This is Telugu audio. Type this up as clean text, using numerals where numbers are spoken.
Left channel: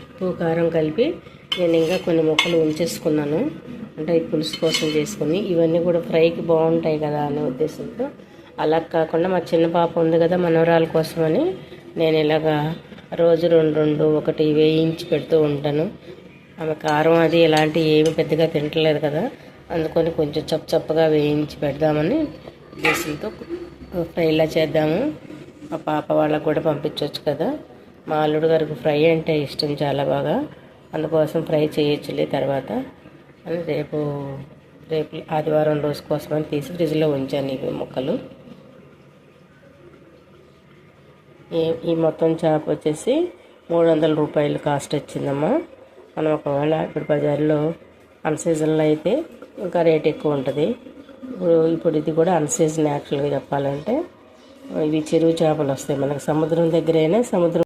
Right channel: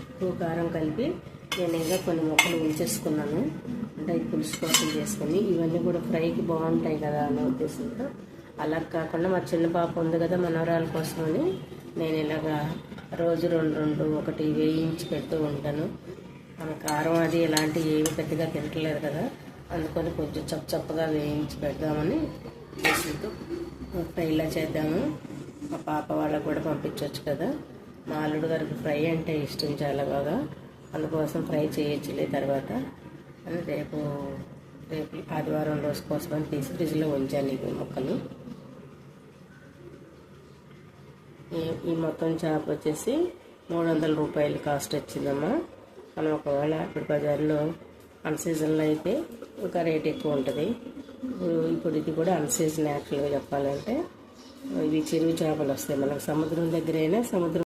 ఉప్పు కారం కలిపి నేను ఇంకా కొన్ని ముక్కలు ఉంచేసుకున్నాను. అంటే ఈ పులుసు కోసం చేసుకుని ఇవన్నీ కూడా ఫ్రైకి బాగుంటాయి కదా అనే ఉద్దేశంతో. అలా కాకుండా మా చిన్న పాప ఉంది కదా మనవరాల కోసమని నేను ఇలాగా రోజు రెండు ఒకటి వేయించి పెడుతూ ఉంటాను. ఆమె కారం అది ఇలాంటివి ఏమి పెద్దగా తింటలేదు కదా, అందుకని కొంచెం చప్పగా వేయించి పెడదామని ఉద్దేశంతో ఫ్రైలా చేద్దాము. మా పాప వాళ్ళకు కూడా పంపించవచ్చు కదా. మా అల్లుడు గారికి ఫ్రై అంటే ఇష్టం చాలా బాగా, అందుకోసం ఫ్రై చేయొచ్చులే తర్వాత అని రేపు ఆదివారం రోజు కోసమని తీసి ఫ్రిడ్జ్లో ఉంచాను ఇవి ముక్కలు. ఈ మొత్తం చేప వచ్చేసి 300 రూపాయలు కాస్ట్ వచ్చిందమ్మా. మనం ఒకవేళ ఇప్పుడు బజార్లో అన్సీజన్లో అయితే ఇంకా రేట్ ఎక్కువ ఉంటుంది. ఇప్పుడు ఇది కూడా అన్సీజన్ యాక్చువల్గా చెప్పాలంటే. ఇవి చెరువు చేపలు వస్తాయి మనకు సముద్రం దగ్గరైనా సముద్రం